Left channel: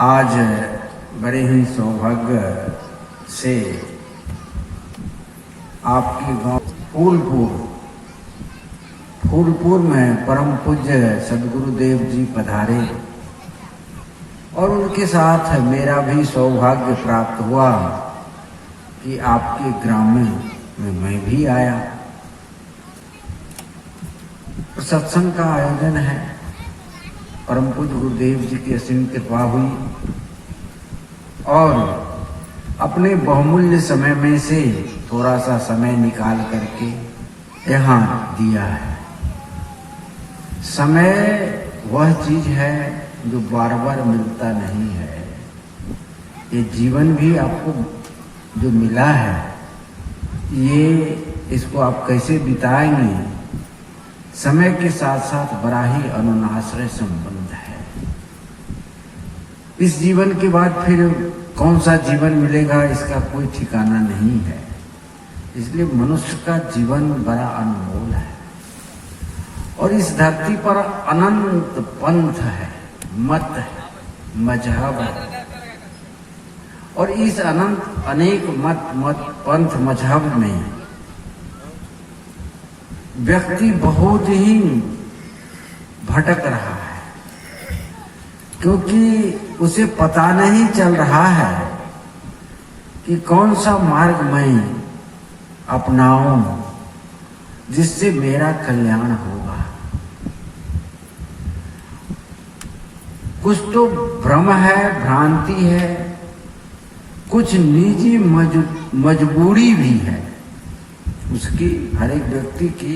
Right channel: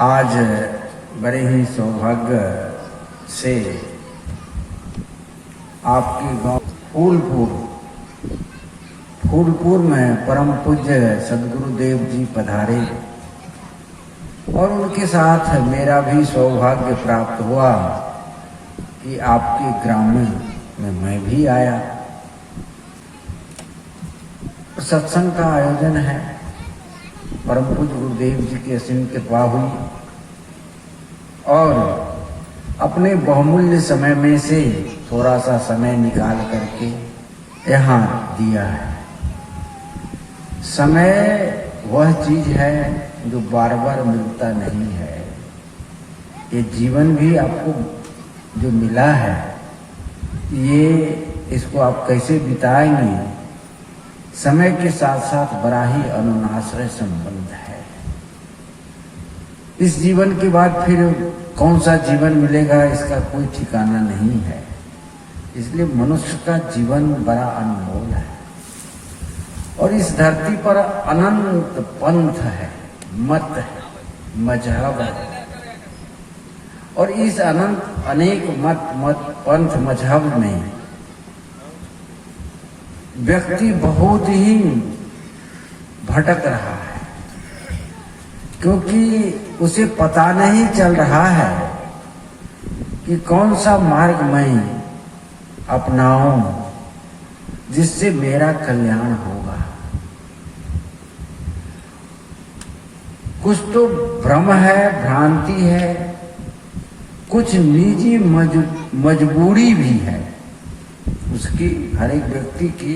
आज बड़े ही सौभाग्य से आपकी गांव फूलपुर में परम पूज्य सदगुरुदेव जी पधारे और उनके साथ मेरा भी सौभाग्य प्राप्त हुआ कि आपके ग्राम में मैं भी आया। सत्संग का आयोजन है, परम पूज्य गुरुदेव जी की असीम कृपा हुई और अपने बहुमूल्य समय में से थोड़ा सा समय निकाल करके यहाँ दिया है। समय वह चीज है जो बार बार मिलता नहीं है। ये जीवन भी आपको जो मिला है, ये इसको आप कैसे बिताएंगे, समय के साथ साथ बड़ा ही अनन्नाश्रय संबंध है। इस जीवन के बाद फिर कौन सा जीवन मिलेगा, इसका कोई ठिकाना नहीं है। इसलिए मनुष्य का जीवन बड़ा अनमोल है और इस धरती पर अनंत पंथ है, मत है, मजहब है और इस अनंत अनेक मत पंथ मजहब में व्यक्ति बहुत ही भटक रहा है, क्योंकि उसे पता नहीं चल रहा है कि कौन सा मार्ग मैं अपनाऊं जिससे मेरा कल्याण होगा। कुछ तो भ्रम है, भ्रांति है, कुछ निजी मजबूरी भी है। उसकी हर एक व्यक्ति की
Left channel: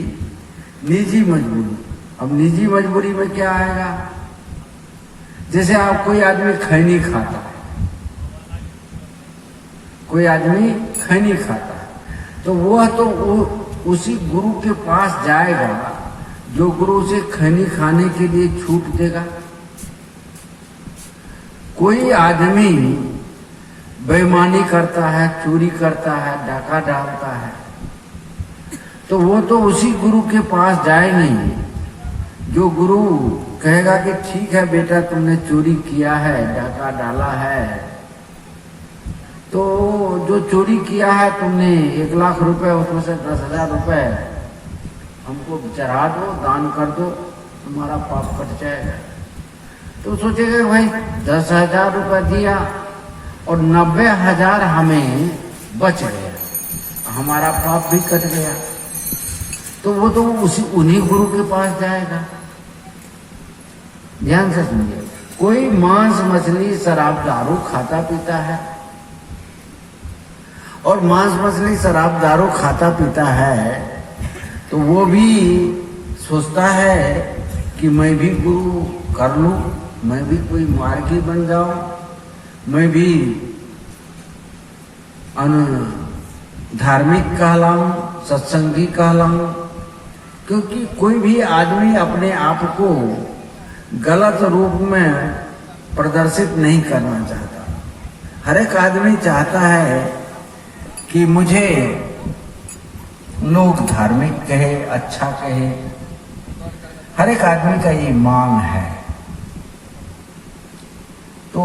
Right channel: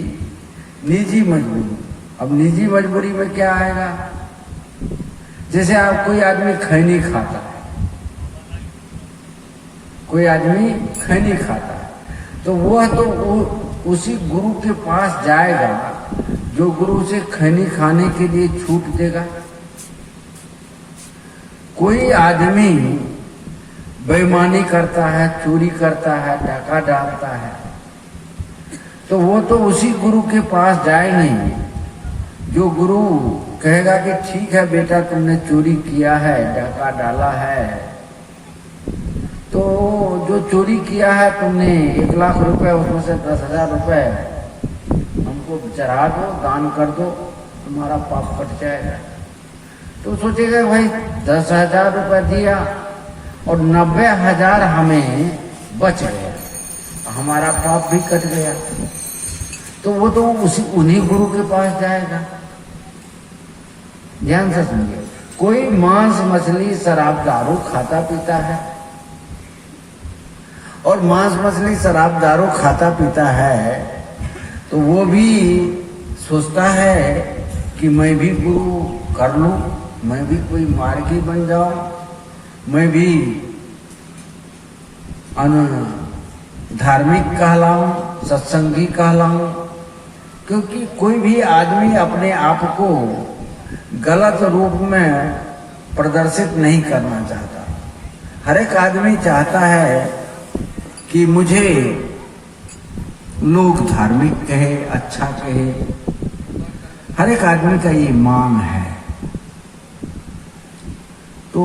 निजी मजबूरी। अब निजी मजबूरी में क्या आएगा? जैसे आप कोई आदमी खैनी खाता, कोई आदमी खैनी खाता, तो वह तो उसी गुरु के पास जाएगा जो गुरु उसे खैनी खाने के लिए छूट देगा। कोई आदमी बेईमानी करता है, चोरी करता है, डाका डालता है, तो वो तो उसी गुरु के पास जाए नहीं जो गुरु कहेगा कि ठीक है बेटा, तुमने चोरी किया है, डाका डाला है, तो जो चोरी किया है तुमने 1 लाख रुपए, उसमें से 10,000 रुपए हमको चढ़ा दो, दान कर दो, तुम्हारा पाप कट जाएगा। तो सोचेगा भाई 10,000 रुपए दिया और 90,000 हमें बच गया, हमारा पाप भी कट गया। तो वो तो उन्हीं गुरु के पास जाएगा। ध्यान से सुनिए, कोई मांस मछली शराब दारू खाता पीता है और मांस मछली शराब दारू खाता पीता है तो वो भी सोचता है कि मैं भी गुरु कर लूं, मैं भी कोई मार्गी बन जाऊं, मैं भी धार्मिक कहलाऊं, सत्संगी कहलाऊं। क्योंकि कोई भी आदमी अपने आप को गलत रूप में प्रदर्शित नहीं करना चाहता। हर एक आदमी चाहता है कि मुझे लोग धार्मिक कहे, अच्छा कहे। हर एक आदमी का ये मांग है। तो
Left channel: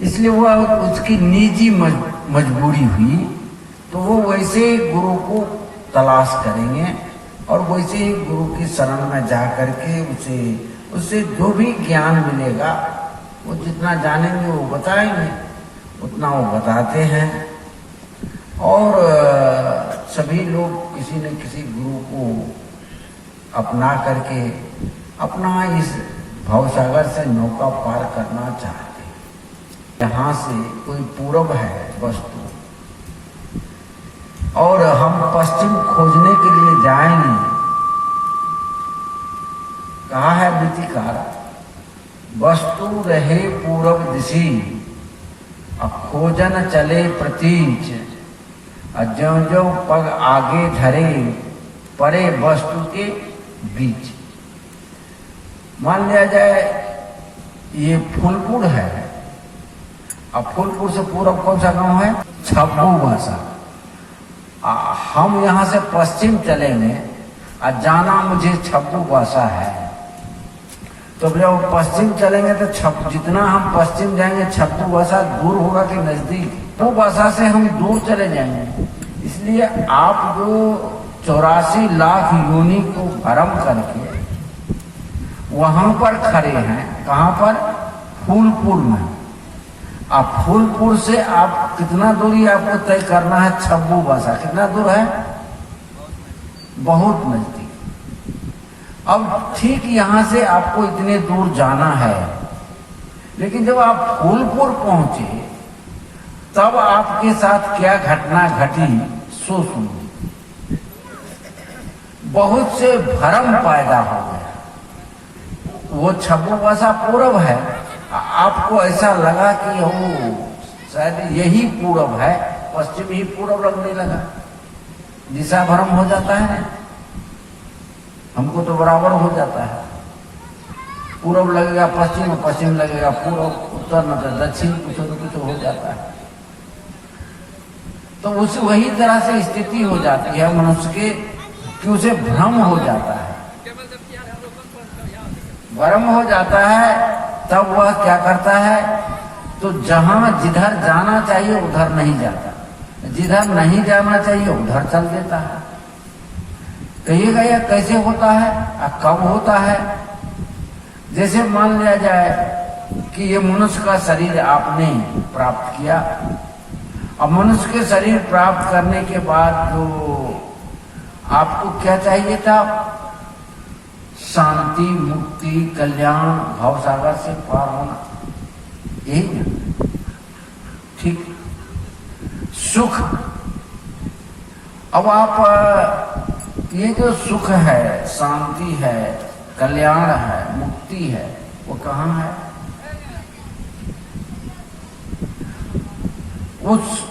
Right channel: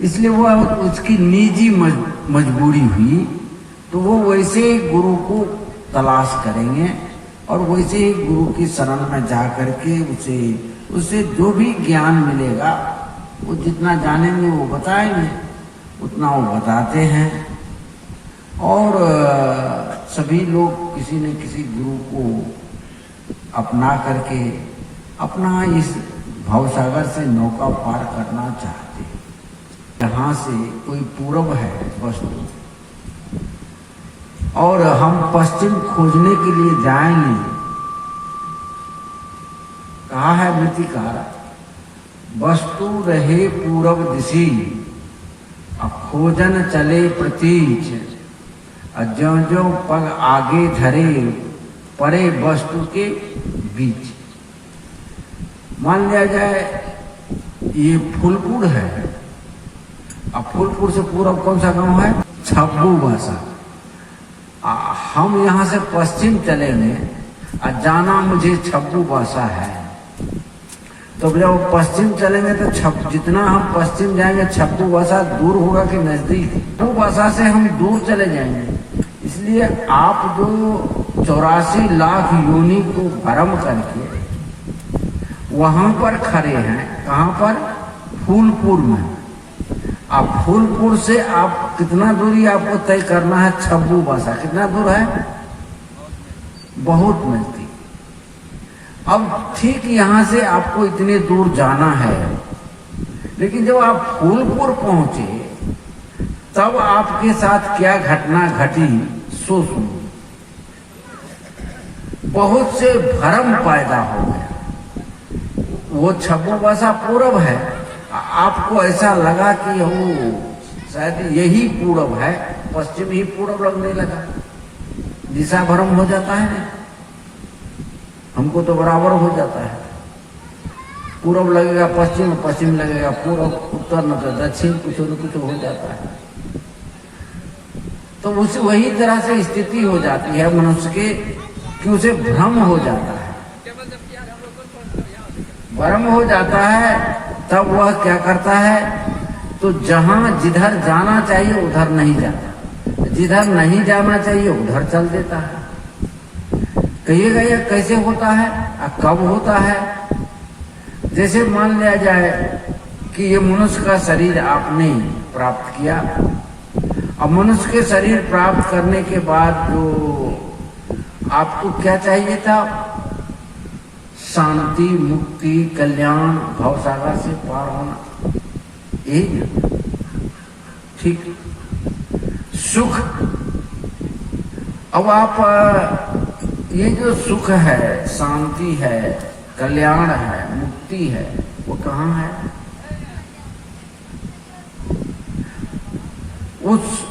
इसलिए वह उसकी निजी मजबूरी हुई तो वो वैसे गुरु को तलाश करेंगे और वैसे ही गुरु की शरण में जा करके उससे जो भी ज्ञान मिलेगा, वो जितना जानेंगे वो बताएंगे, उतना वो बताते हैं। और सभी लोग किसी न किसी गुरु को अपना करके अपना इस भवसागर से नौका पार करना चाहते हैं। यहाँ से कोई पूर्व है वस्तु और हम पश्चिम खोजने के लिए जाएंगे। कहा है नीतिकार, वस्तु रहे पूर्व दिशी, अब खोजन चले प्रतीच, ज्यों ज्यों पग आगे धरे, परे वस्तु के बीच। मान लिया जाए ये फूलपुर है, अब फूलपुर से पूर्व कौन सा गांव है? छब्बू भाषा। हम यहाँ से पश्चिम चलेंगे और जाना मुझे छब्बू भाषा है, तो जब पश्चिम चलेंगे तो जितना हम पश्चिम जाएंगे छब्बू भाषा दूर होगा कि नजदीक, वो भाषा से हम दूर चले जाएंगे। इसलिए आप जो 84 लाख योनि को भरम करके वहां पर खड़े हैं, कहां पर? फूलपुर में। अब फूलपुर से आप कितना दूरी आपको तय करना है? छब्बू भाषा कितना दूर है? बहुत नजदीक। अब ठीक यहां से आपको इतने दूर जाना है, लेकिन जब आप फूलपुर पहुंचे तब आपके साथ क्या घटना घटी सो सुनिए। बहुत से भ्रम पैदा हो गया। वो छब्बू भाषा पूरब है, आपको ऐसा लगा कि हो शायद यही पूरब है, पश्चिम ही पूरब लगने लगा। दिशा भ्रम हो जाता है ना, हमको तो बराबर हो जाता है। पूरब लगेगा पश्चिम, पश्चिम लगेगा पूर्व, उत्तर न तो दक्षिण, कुछ न कुछ हो जाता है। तो उस वही तरह से स्थिति हो जाती है मनुष्य के कि उसे भ्रम हो जाता है। भ्रम हो जाता है तब वह क्या करता है? तो जहां जिधर जाना चाहिए उधर नहीं जाता, जिधर नहीं जाना चाहिए उधर चल देता है। कहिएगा यह कैसे होता है और कब होता है? जैसे मान लिया जाए कि ये मनुष्य का शरीर आपने प्राप्त किया, और मनुष्य के शरीर प्राप्त करने के बाद जो आपको क्या चाहिए था? शांति, मुक्ति, कल्याण, भवसागर से पार होना, यही ना? ठीक, सुख। अब आप ये जो सुख है, शांति है, कल्याण है, मुक्ति है, वो कहाँ है?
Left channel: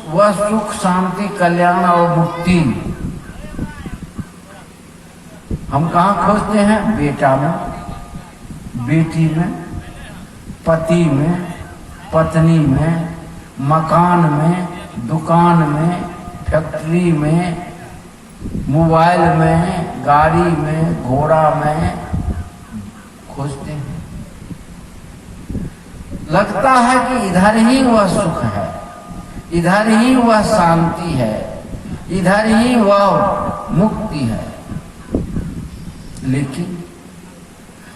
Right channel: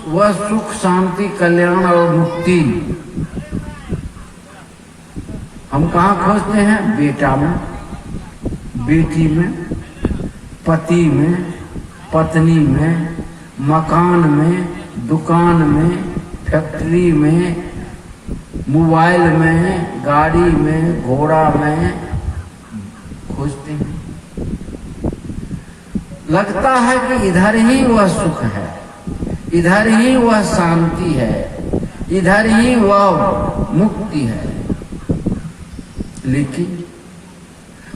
वह सुख, शांति, कल्याण और मुक्ति हम कहाँ खोजते हैं? बेटा में, बेटी में, पति में, पत्नी में, मकान में, दुकान में, फैक्ट्री में, मोबाइल में, गाड़ी में, घोड़ा में खोजते हैं। लगता है कि इधर ही वह सुख है, इधर ही वह शांति है, इधर ही वह मुक्ति है, लेकिन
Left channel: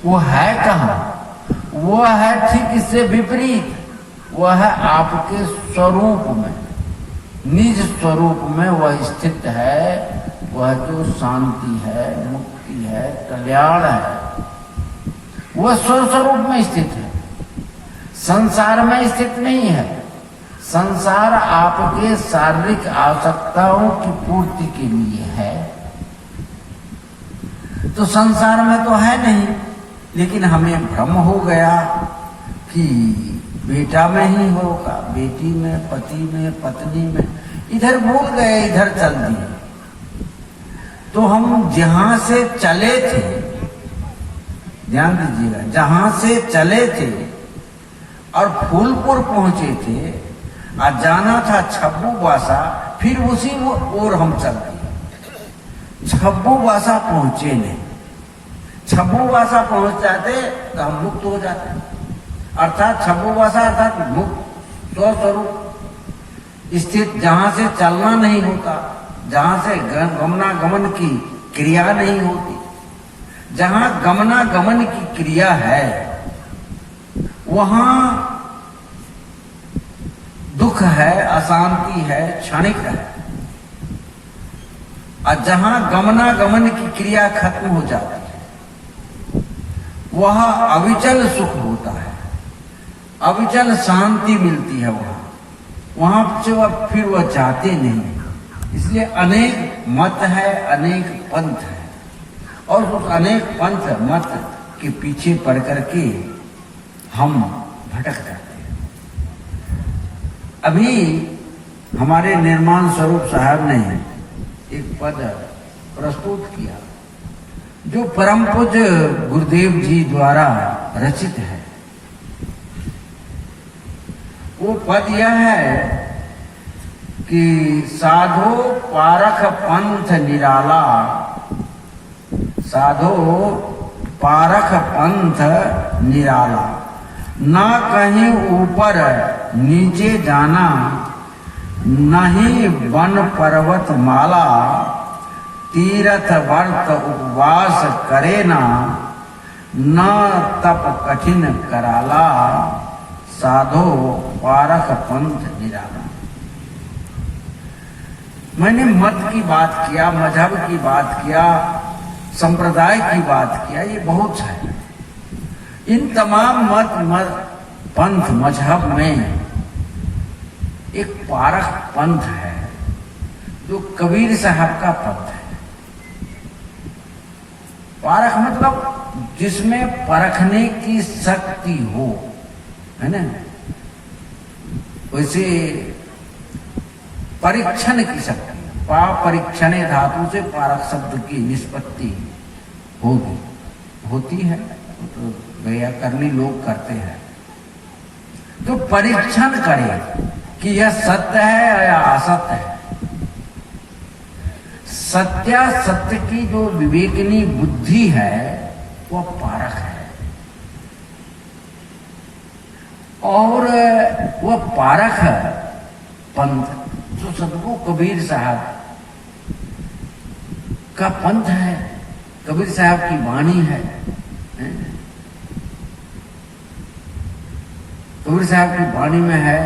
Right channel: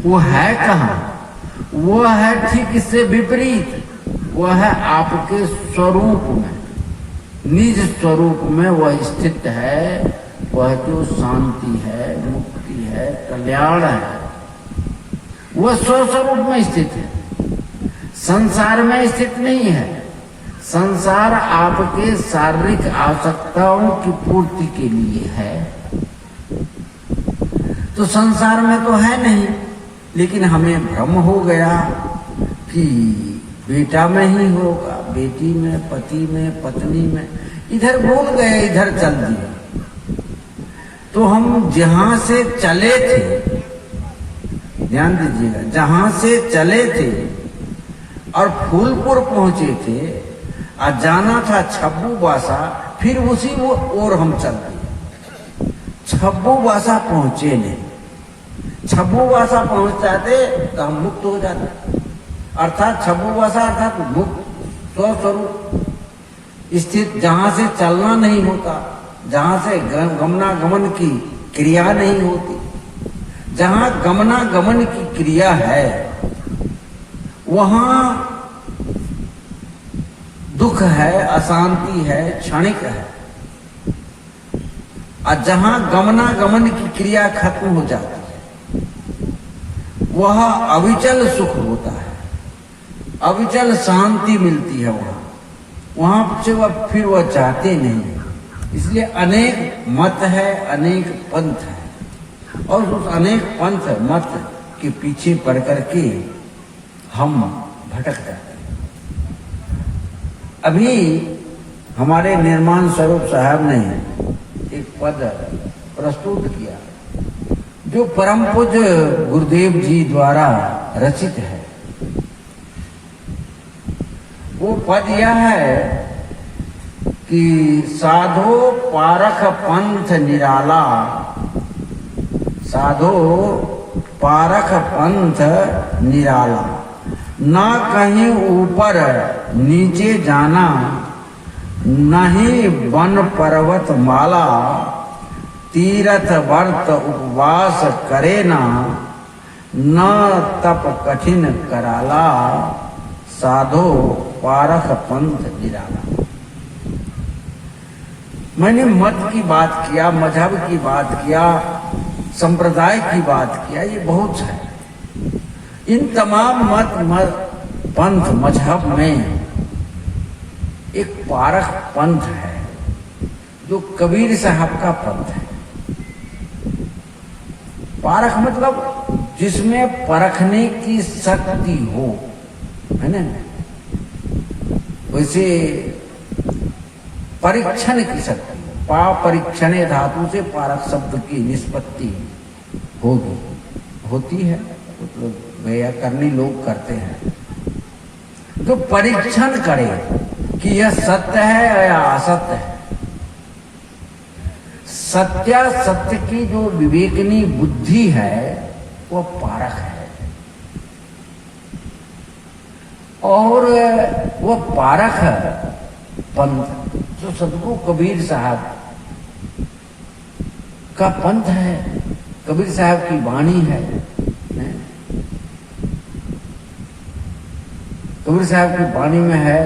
वो है कहाँ? वो है ठीक इससे विपरीत। वह है आपके स्वरूप में, निज स्वरूप में वह स्थित है। वह जो शांति है, मुक्ति है, कल्याण है, वह स्वस्वरूप में स्थित है, संसार में स्थित नहीं है। संसार आपके शारीरिक आवश्यकताओं की पूर्ति के लिए है, तो संसार में तो है नहीं। लेकिन हमें भ्रम हो गया कि बेटा में ही होगा, बेटी में, पति में, पत्नी में, इधर भूल गए, इधर चल दिए। तो हम जहां से चले थे, ध्यान दीजिएगा, जहां से चले थे और फूलपुर पहुंचे थे और जाना था छब्बू भाषा, फिर उसी ओर हम चल दिए। छब्बू भाषा पहुंचे नहीं। छब्बू भाषा पहुंच जाते तो हम मुक्त हो जाते। अर्थात छब्बू भाषा अर्थात मुक्त स्वस्वरूप स्थित, जहां से चलना नहीं होता, जहां से गमनागमन की क्रिया नहीं होती। जहां गमनागमन की क्रिया है वहां दुख है, अशांति है, क्षणिक है। और जहां गमनागमन की क्रिया खत्म हो जाती है वह अविचल सुख होता है, अविचल शांति मिलती है। वहां से वह फिर वह चाहते नहीं। इसलिए अनेक मत है, अनेक पंथ है, और उस अनेक पंथ मत के पीछे पड़ करके हम भटक जाते हैं। अभी हमारे निर्माण स्वरूप साहब ने एक पद प्रस्तुत किया जो परम पूज्य गुरुदेव जी द्वारा रचित है। वो पद यह है कि साधो पारख पंथ निराला, साधो पारख पंथ निराला, ना कहीं ऊपर नीचे जाना, नहीं वन पर्वत माला, तीर्थ व्रत उपवास करे ना, न तप कठिन कराला, साधो पारख पंथ निराला। मैंने मत की बात किया, मजहब की बात किया, संप्रदाय की बात किया, ये बहुत है। इन तमाम मत पंथ मजहब में एक पारख पंथ है जो कबीर साहब का पंथ है। पारख मतलब जिसमें परखने की शक्ति हो, है ना। वैसे परीक्षण की शक्ति, पा परीक्षणे धातु से पारख शब्द की निष्पत्ति होती है, तो व्याकरणी लोग करते हैं। तो परीक्षण करे कि यह सत्य है या असत्य है। सत्यासत्य की जो विवेकनी बुद्धि है वो पारख है, और वो पारख पंथ जो सबको कबीर साहब का पंथ है, कबीर साहब की वाणी है। कबीर साहब की वाणी में है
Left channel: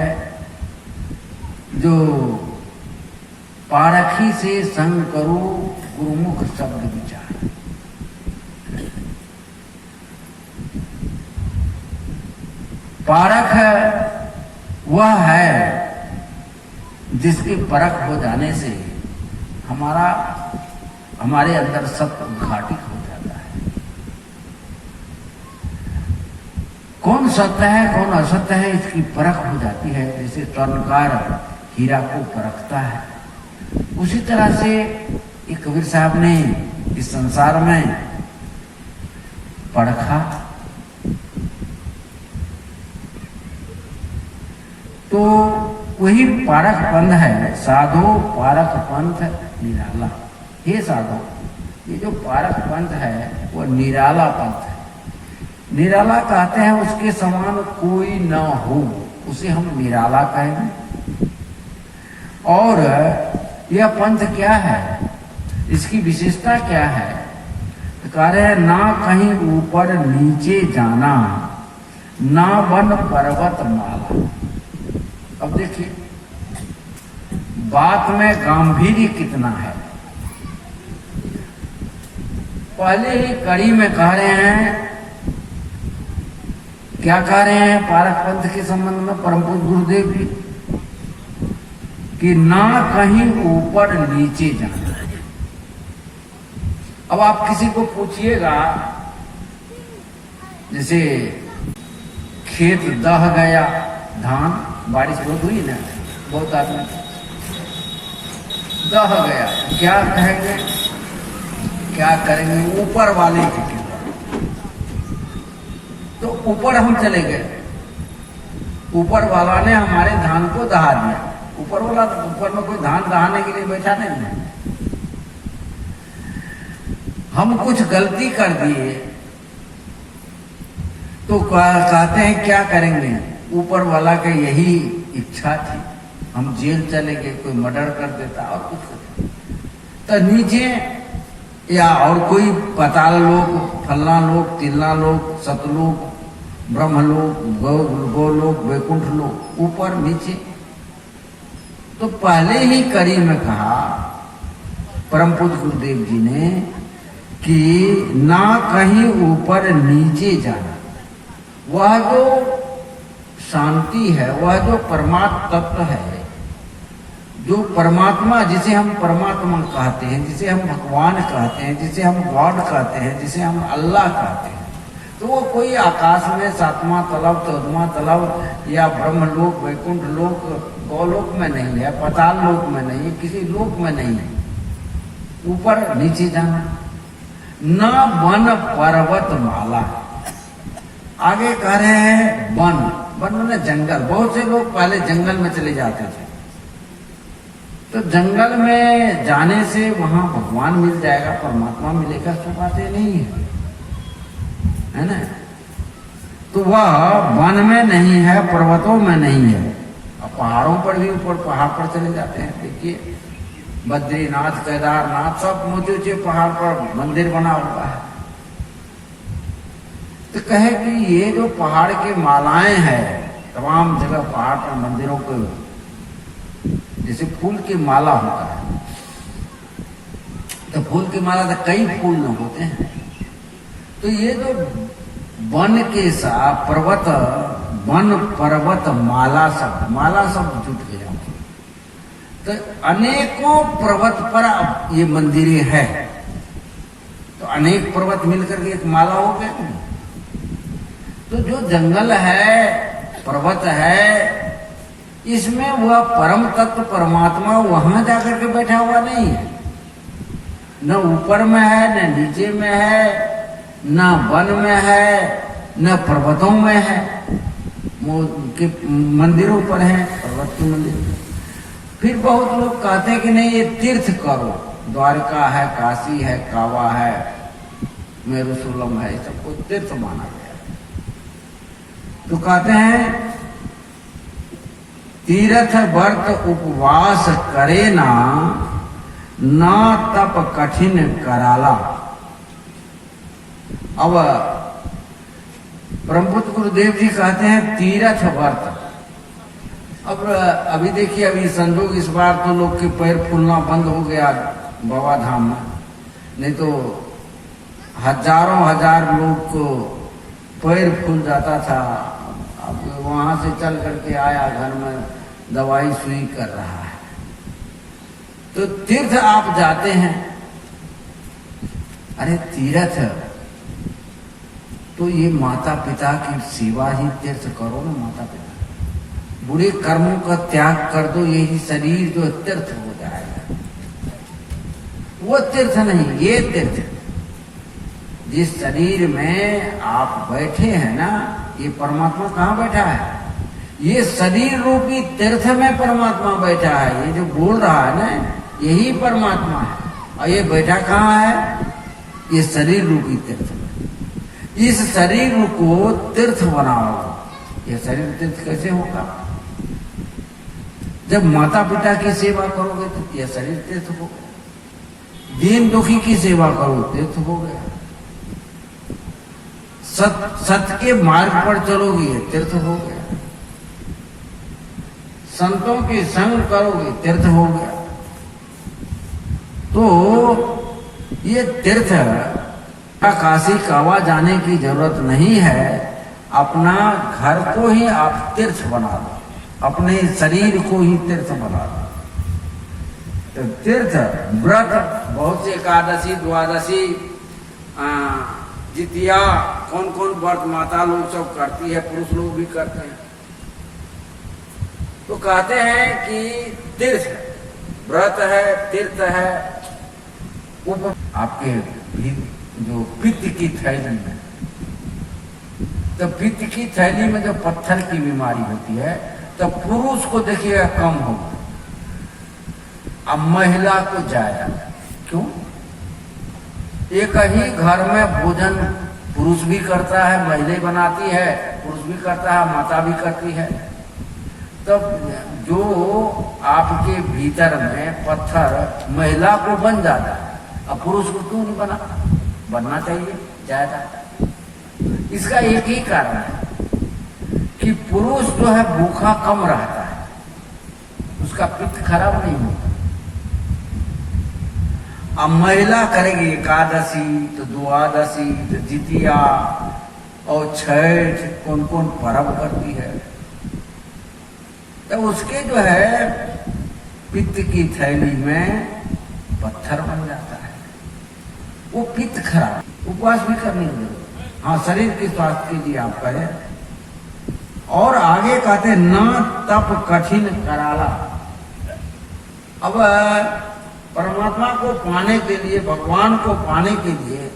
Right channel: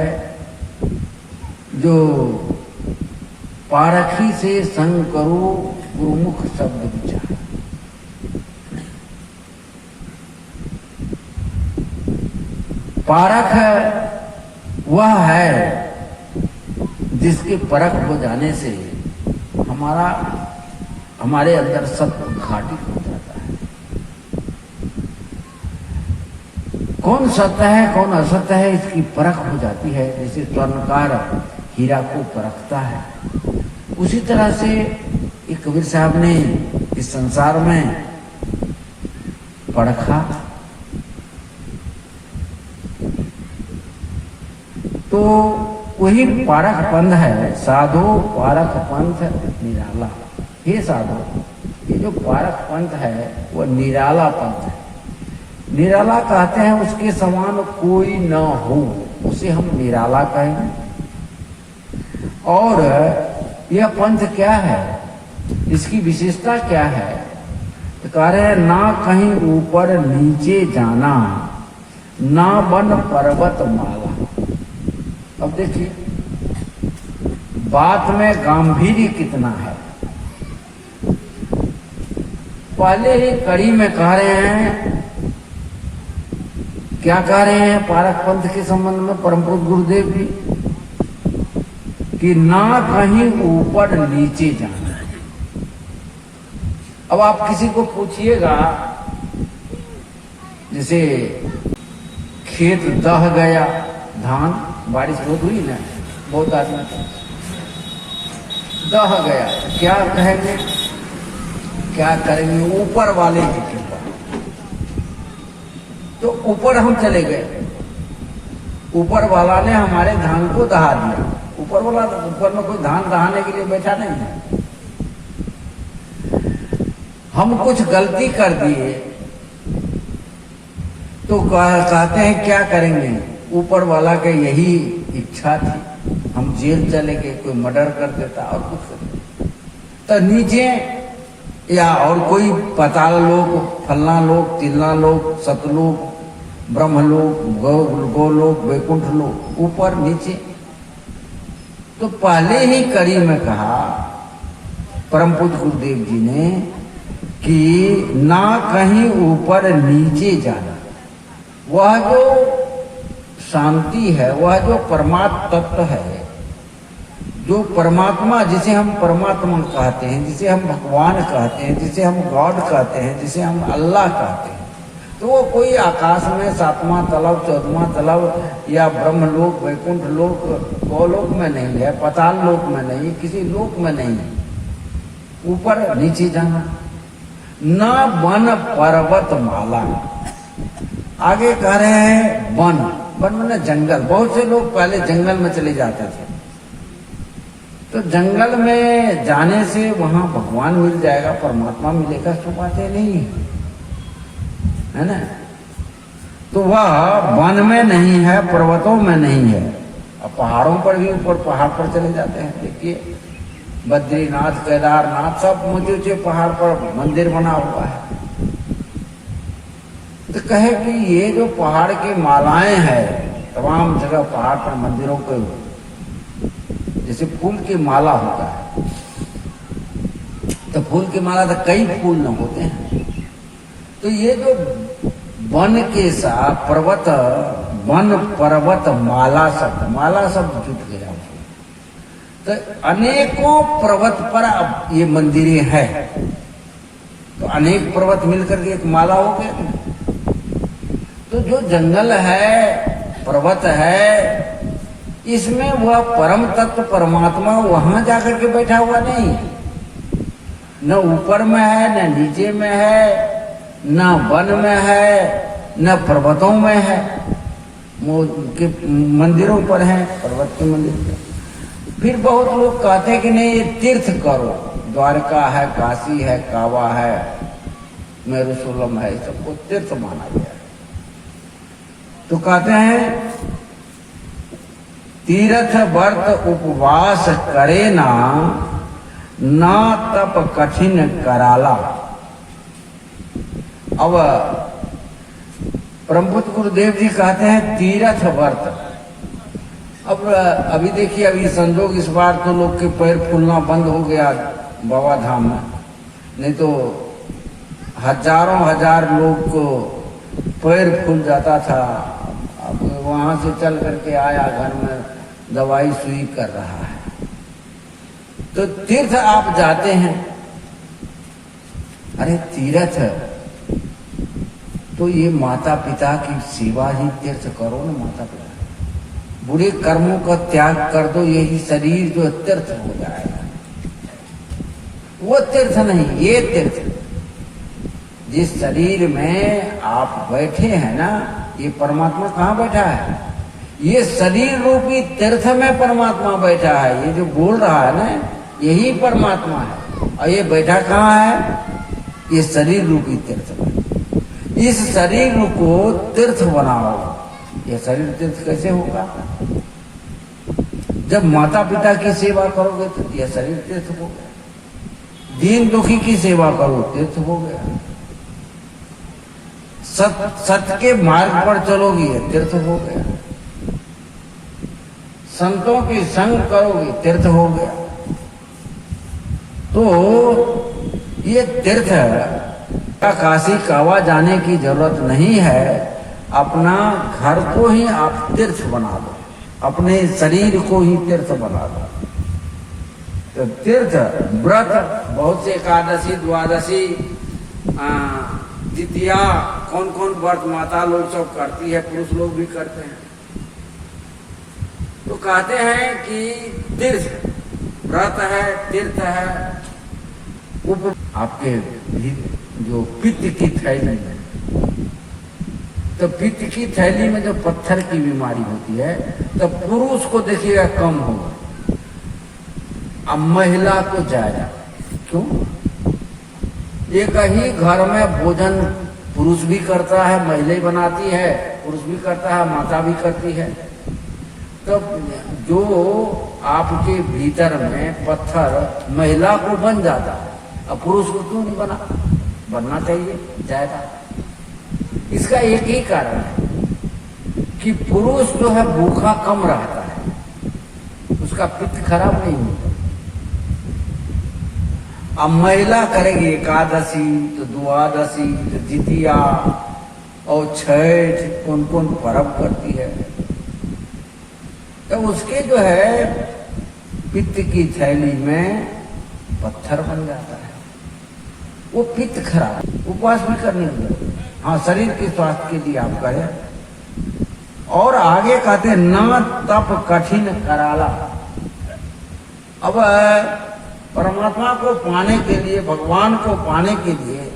जो पारखी से संग करो गुरुमुख शब्द विचार। पारख वह है जिसके परख हो जाने से हमारे अंदर सब उद्घाटित हो जाता है। कौन सत्य है कौन असत्य है इसकी परख हो जाती है। जैसे स्वर्णकार हीरा को परखता है, उसी तरह से एक कबीर साहब ने इस संसार में परखा। तो वही पारख पंथ है, साधो पारख पंथ निराला। हे साधो, ये जो पारख पंथ है वह निराला पंथ है। निराला कहते हैं उसके समान कोई ना हो, उसे हम निराला कहेंगे। और यह पंथ क्या है, इसकी विशेषता क्या है, तो कह रहे हैं ना कहीं ऊपर नीचे जाना, ना वन पर्वत माला। अब देखिए बात में गांधीर्य कितना है। पहले ही कड़ी में कह रहे हैं, क्या कह रहे हैं पारख पंथ के संबंध में परम पूज्य गुरुदेव जी, कि ना कहीं ऊपर नीचे जाना। अब आप किसी को पूछिएगा, जैसे खेत दह गया, धान बारिश बहुत हुई ना, बहुत आदमी दह गया, क्या कहेंगे, क्या करेंगे, ऊपर वाले की कृपा। तो ऊपर हम चले गए, ऊपर वाला ने हमारे धान को दहा दिया। ऊपर वाला, ऊपर में कोई धान दहाने के लिए बैठा नहीं है। हम कुछ गलती कर दिए तो कहते हैं क्या करेंगे, ऊपर वाला के यही इच्छा थी, हम जेल चले गए, कोई मर्डर कर देता और कुछ कर देता। तो नीचे या और कोई पाताल लोक, फलना लोक, तिलना लोक, सतलोक, ब्रह्मलोक, गोलोक, वैकुंठ लोक, ऊपर नीचे। तो पहले ही कड़ी में कहा परम पूज्य गुरुदेव जी ने कि ना कहीं ऊपर नीचे जाना। वह जो शांति है, वह जो परमात्म तत्व है, जो परमात्मा, जिसे हम परमात्मा कहते हैं, जिसे हम भगवान कहते हैं, जिसे हम गॉड कहते हैं, जिसे हम अल्लाह कहते हैं, तो वो कोई आकाश में 7वां तलब, 14वां तलब या ब्रह्मलोक, वैकुंठ लोक, गोलोक में नहीं है, पाताल लोक में नहीं है, किसी लोक में नहीं है। ऊपर नीचे जाना, न वन पर्वत माला। आगे कह रहे हैं वन, वन में जंगल। बहुत से लोग पहले जंगल में चले जाते थे, तो जंगल में जाने से वहां भगवान मिल जाएगा, परमात्मा मिलेगा, सो बातें नहीं है। है ना। तो वह वन में नहीं है, पर्वतों में नहीं है, और पहाड़ों पर भी, ऊपर पहाड़ पर चले जाते हैं। देखिए बद्रीनाथ, केदारनाथ, सब ऊंचे ऊंचे पहाड़ पर मंदिर बना हुआ है। तो कहे कि ये जो पहाड़ की मालाएं हैं, तमाम जगह पहाड़ पर मंदिरों पे जैसे फूल की माला होता है, तो फूल की माला तो कई फूल न होते हैं। तो ये जो वन के साथ पर्वत, वन पर्वत माला सब जुट गया। तो अनेकों पर्वत पर अब ये मंदिरें हैं, तो अनेक पर्वत मिलकर के एक माला हो गए। तो जो जंगल है, पर्वत है, इसमें वह परम तत्व परमात्मा वहां जाकर के बैठा हुआ नहीं है। न ऊपर में है, न नीचे में है, न वन में है, न पर्वतों में है। के मंदिरों पर है, पर्वत के मंदिर। फिर बहुत लोग कहते हैं कि नहीं ये तीर्थ करो, द्वारका है, काशी है, कावा है, मेरुशूलम है, सबको तीर्थ माना गया। तो कहते हैं तीर्थ व्रत उपवास करे ना तप कठिन कराला। अब परमपुत्र गुरुदेव जी कहते हैं तीर्थ व्रत। अब अभी देखिए, अभी संजोग इस बार तो लोग के पैर फूलना बंद हो गया बाबा धाम में, नहीं तो हजारों हजार लोग को पैर फूल जाता था। अब वहां से चल करके आया, घर में दवाई सुई कर रहा है। तो तीर्थ आप जाते हैं, अरे तीर्थ तो ये माता पिता की सेवा ही तीर्थ करो ना। माता पिता बुरे कर्मों का त्याग कर दो, यही शरीर जो तीर्थ हो जाएगा। वो तीर्थ नहीं, ये तीर्थ। जिस शरीर में आप बैठे हैं ना, ये परमात्मा कहाँ बैठा है? ये शरीर रूपी तीर्थ में परमात्मा बैठा है। ये जो बोल रहा है ना, यही परमात्मा है। और ये बैठा कहाँ है? ये शरीर रूपी तीर्थ में। इस शरीर को तीर्थ बनाओ। ये शरीर तीर्थ कैसे होगा? जब माता पिता की सेवा करोगे तो यह शरीर तीर्थ हो गया। दीन दुखी की सेवा करो, तीर्थ हो गया। सत्य के मार्ग पर चलोगे, ये तीर्थ हो गया। संतों की संग करोगे, तीर्थ हो गया। तो ये तीर्थ काशी कावा जाने की जरूरत नहीं है। अपना घर को ही आप तीर्थ बना दो, अपने शरीर को ही तीर्थ बना दो। तो तीर्थ व्रत बहुत से, एकादशी, द्वादशी, जितिया, कौन कौन व्रत माता लोग सब करती है, पुरुष लोग भी करते हैं। तो कहते हैं कि तीर्थ व्रत है, तीर्थ है। आपके भी जो पित्त की थैली में, तो पित्त की थैली में जो पत्थर की बीमारी होती है, तो पुरुष को देखिएगा कम होगा, अब महिला को ज्यादा। क्यों? एक ही घर में भोजन पुरुष भी करता है, महिला बनाती है, पुरुष भी करता है, माता भी करती है। तब जो आपके भीतर में पत्थर महिला को बन जाता है, अब पुरुष को क्यों नहीं बनना चाहिए ज्यादा? इसका एक ही कारण है कि पुरुष जो है भूखा कम रहता है, उसका पित्त खराब नहीं होता। अब महिला करेगी एकादशी, तो द्वादशी, तो जितिया और छठ, कौन कौन पर्व करती है, तो उसके जो है पित्त की थैली में पत्थर बन जाता है। वो पित्त खराब, उपवास भी करने के लिए, हाँ शरीर के स्वास्थ्य के लिए आप करें। और आगे कहते हैं न तप कठिन कराला। अब परमात्मा को पाने के लिए, भगवान को पाने के लिए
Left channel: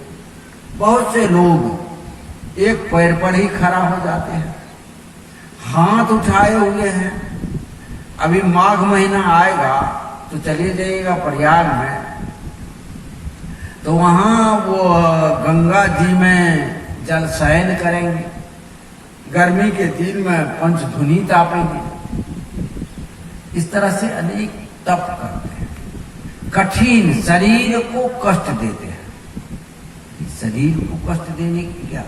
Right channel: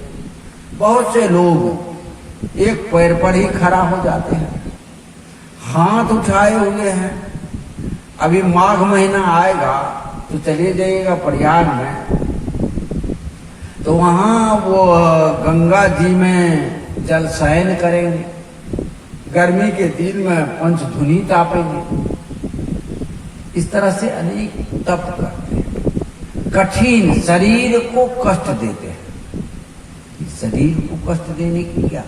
बहुत से लोग एक पैर पर ही खड़ा हो जाते हैं, हाथ उठाए हुए हैं। अभी माघ महीना आएगा तो चलिए जाइएगा प्रयाग में, तो वहां वो गंगा जी में जल शयन करेंगे, गर्मी के दिन में पंचधुनी तापेंगे, इस तरह से अनेक तप करते हैं, कठिन शरीर को कष्ट देते हैं। शरीर को कष्ट देने की क्या,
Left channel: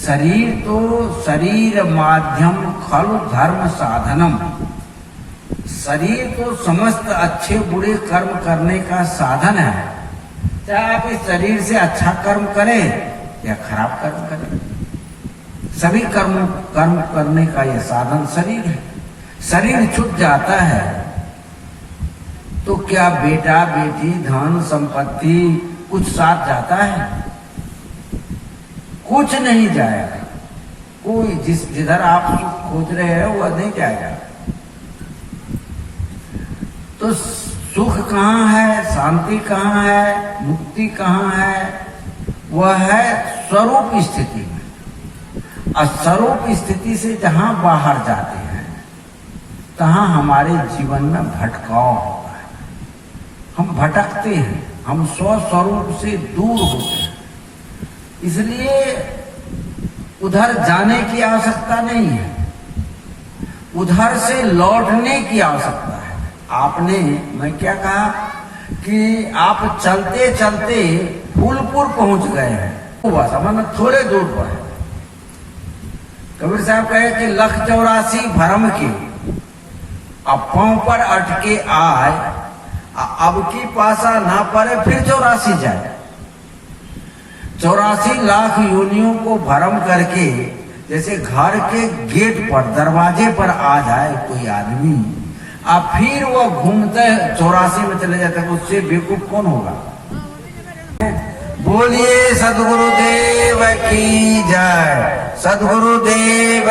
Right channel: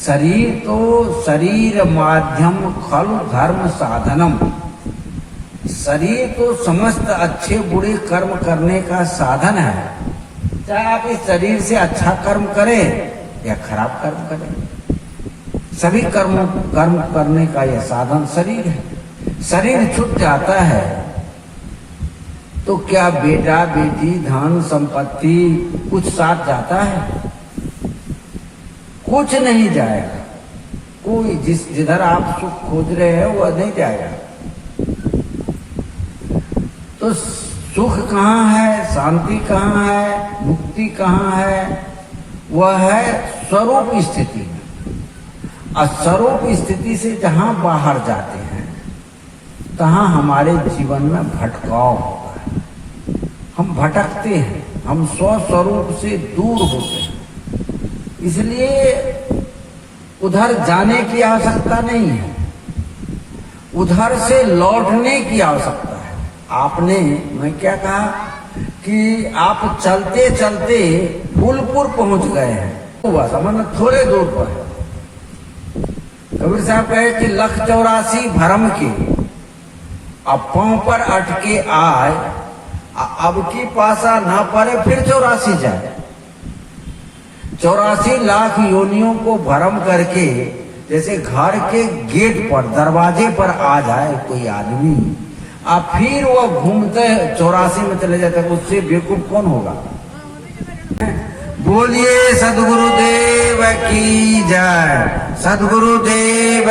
शरीर तो शरीर माध्यम खलु धर्म साधनम, शरीर तो समस्त अच्छे बुरे कर्म करने का साधन है। चाहे आप इस शरीर से अच्छा कर्म करें या खराब कर्म करें, सभी कर्म करने का यह साधन शरीर है। शरीर छूट जाता है तो क्या बेटा बेटी धन संपत्ति कुछ साथ जाता है? कुछ नहीं जाएगा। कोई जिधर आप सुख खोज रहे हैं वह नहीं जाएगा। तो सुख कहाँ है, शांति कहाँ है, मुक्ति कहाँ है? वह है स्वरूप स्थिति में। और स्वरूप स्थिति से जहां बाहर जाते हैं तहां हमारे जीवन में भटकाव होता है, हम भटकते हैं, हम स्वस्वरूप से दूर होते हैं। इसलिए उधर जाने की आवश्यकता नहीं है, उधर से लौटने की आवश्यकता है। आपने, मैं क्या कहा कि आप चलते चलते फूलपुर पहुंच गए हैं, हुआ समझ में थोड़े दूर पर है। कबीर साहब कहे कि 184 भरम के अब पांव पर अटके आए, अब की पासा ना पड़े फिर 84 जाए। 84 लाख योनियों को भरम करके जैसे घर के गेट पर दरवाजे पर आ जाए कोई आदमी, अब फिर वो घूमते 84 में चले जाते, उससे बेवकूफ कौन होगा? बोलिए सदगुरुदेव की जय, सदगुरुदेव।